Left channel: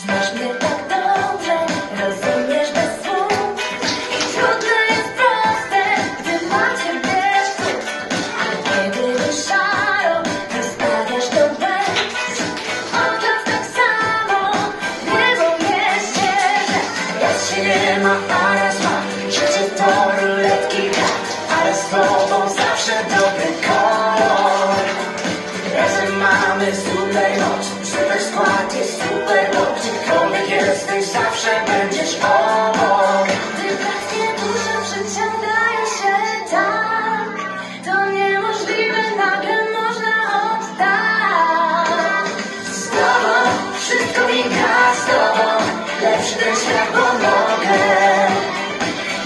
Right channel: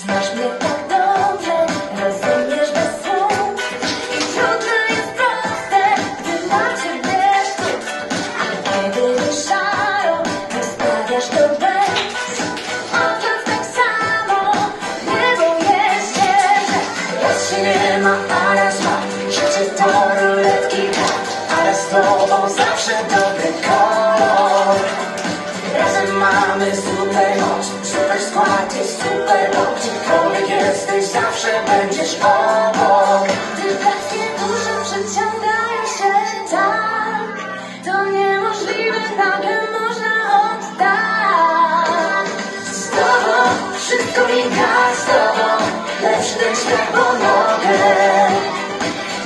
Znasz mnie tak dobrze, rozumiesz bez I trudne jest proste, gdy dla ciebie A kiedy już szaro, wystawiasz do deszcz. Oczek tak samo, drogą jest ścieżę Lecz się nie ma, ale zła, życie to ruletki gra Ale z tobą zawsze dobry kolor. Razem mamy zły będziesz obok Gdy takie duże przyciągają się tak To niemożliwe, nagle można oddać. Z tobą wszystko mi gra z tobą Lecz też ja pomogę.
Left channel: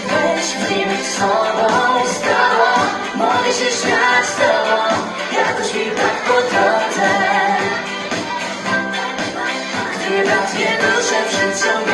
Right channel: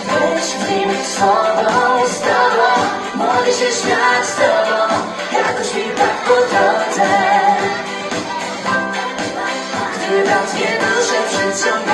Weź mi być sobą i z tobą Mogę się śmiać z tobą Jakoś mi tak podchodzę. Gdy raz dwie dusze przyciągają